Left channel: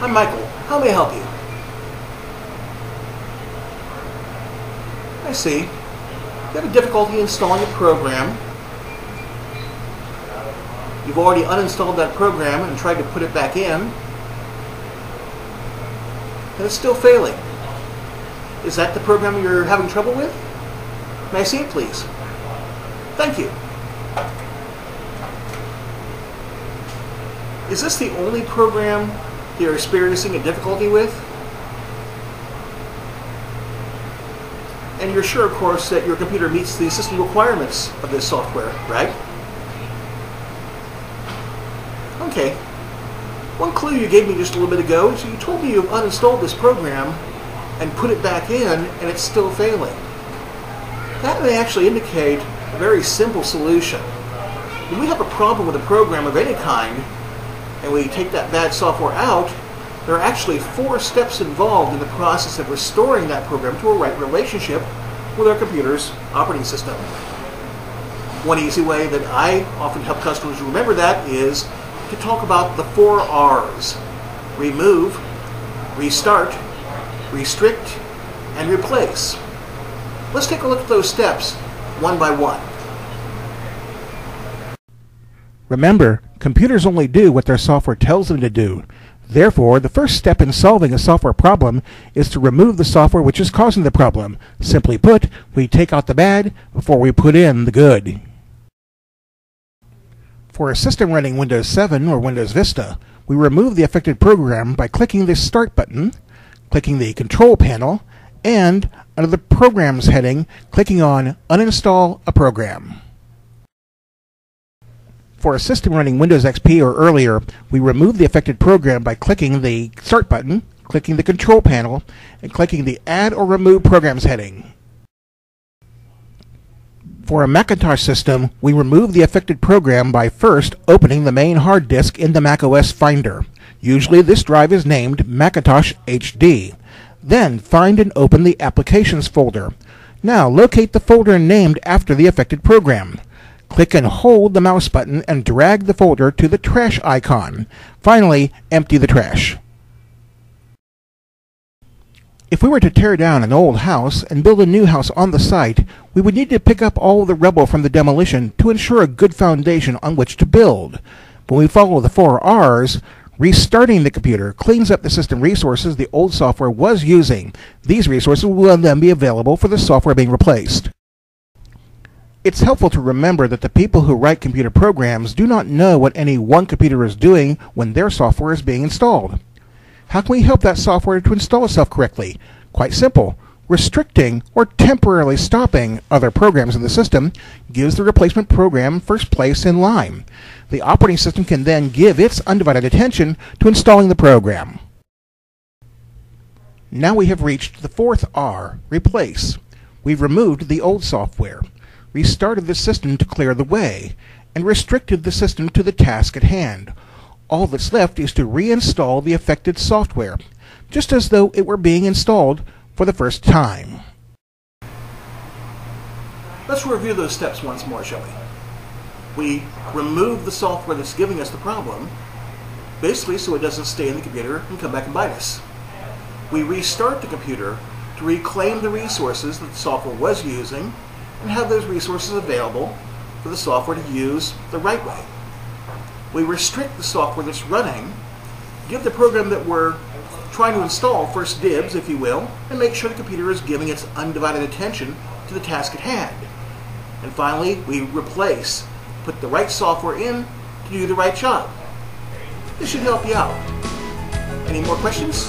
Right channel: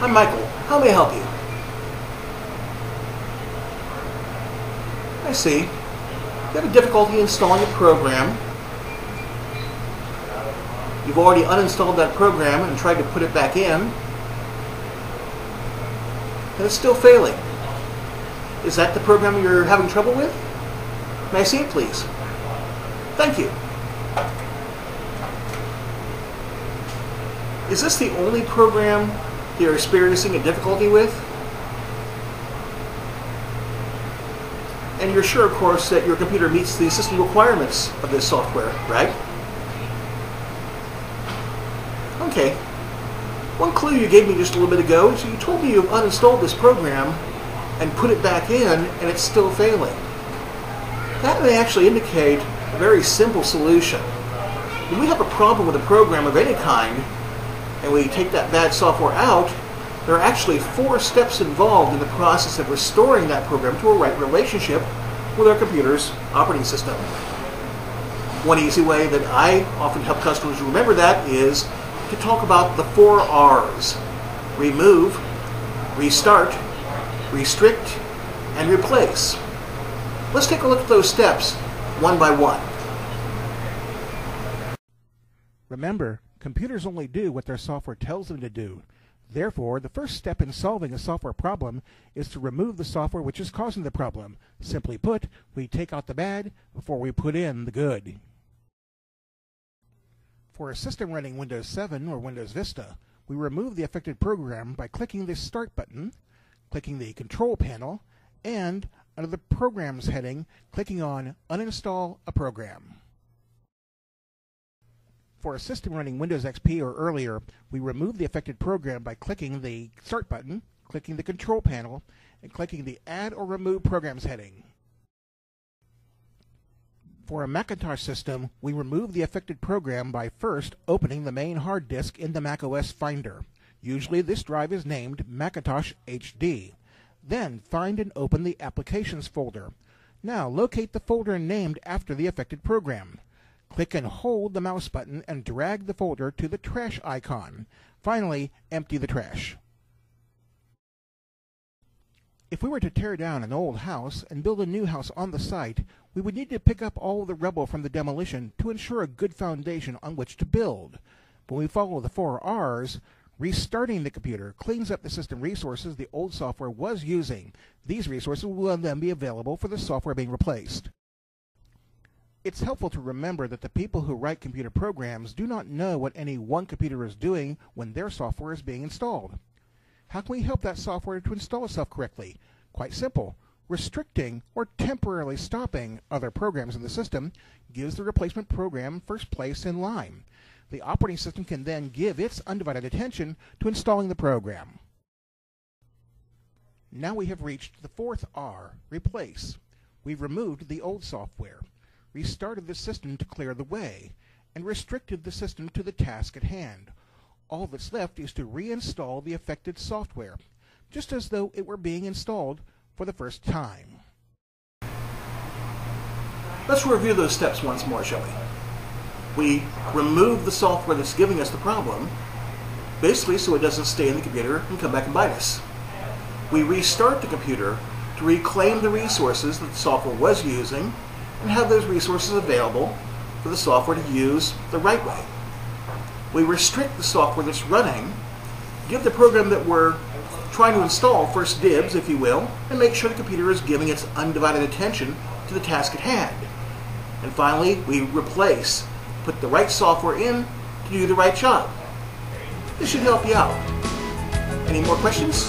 I'm Michael. How may I help you? I see. You have difficulty installing a program. You've already uninstalled that program and tried to put it back in, and it's still failing. Is that the program you're having trouble with? May I see it, please? Thank you. Is this the only program you're experiencing a difficulty with? And you're sure, of course, that your computer meets the system requirements of this software, right? Okay. One clue you gave me just a little bit ago is you told me you've uninstalled this program and put it back in, and it's still failing. That may actually indicate a very simple solution. When we have a problem with a program of any kind, and we take that bad software out, there are actually 4 steps involved in the process of restoring that program to a right relationship with our computer's operating system. One easy way that I often help customers remember that is to talk about the 4 R's. Remove, restart, restrict, and replace. Let's take a look at those steps one by one. Remember, computers only do what their software tells them to do. Therefore, the first step in solving a software problem is to remove the software which is causing the problem. Simply put, we take out the bad before we put in the good. For a system running Windows 7 or Windows Vista, we remove the affected program by clicking the Start button, clicking the Control panel, and under the Programs heading, clicking on Uninstall a Program. For a system running Windows XP or earlier, we remove the affected program by clicking the Start button, clicking the Control panel, and clicking the Add or Remove Programs heading. For a Macintosh system, we remove the affected program by first opening the main hard disk in the macOS Finder. Usually this drive is named Macintosh HD. Then find and open the Applications folder. Now locate the folder named after the affected program. Click and hold the mouse button and drag the folder to the trash icon. Finally, empty the trash. If we were to tear down an old house and build a new house on the site, we would need to pick up all the rubble from the demolition to ensure a good foundation on which to build. When we follow the 4 R's, restarting the computer cleans up the system resources the old software was using. These resources will then be available for the software being replaced. It's helpful to remember that the people who write computer programs do not know what any one computer is doing when their software is being installed. How can we help that software to install itself correctly? Quite simple. Restricting or temporarily stopping other programs in the system gives the replacement program first place in line. The operating system can then give its undivided attention to installing the program. Now we have reached the 4th R, replace. We've removed the old software, restarted the system to clear the way, and restricted the system to the task at hand. All that's left is to reinstall the affected software, just as though it were being installed for the first time. Let's review those steps once more, shall we? We remove the software that's giving us the problem, basically so it doesn't stay in the computer and come back and bite us. We restart the computer to reclaim the resources that the software was using and have those resources available for the software to use the right way. We restrict the software that's running, give the program that we're trying to install first dibs, if you will, and make sure the computer is giving its undivided attention to the task at hand. And finally, we replace, put the right software in to do the right job. This should help you out. Any more questions?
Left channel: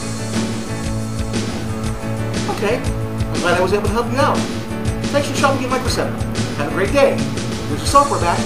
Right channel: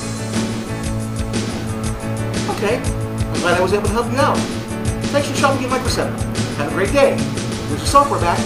Okay, I'm glad I was able to help you out. Thanks for shopping at Micro Center. Have a great day. Here's your software back.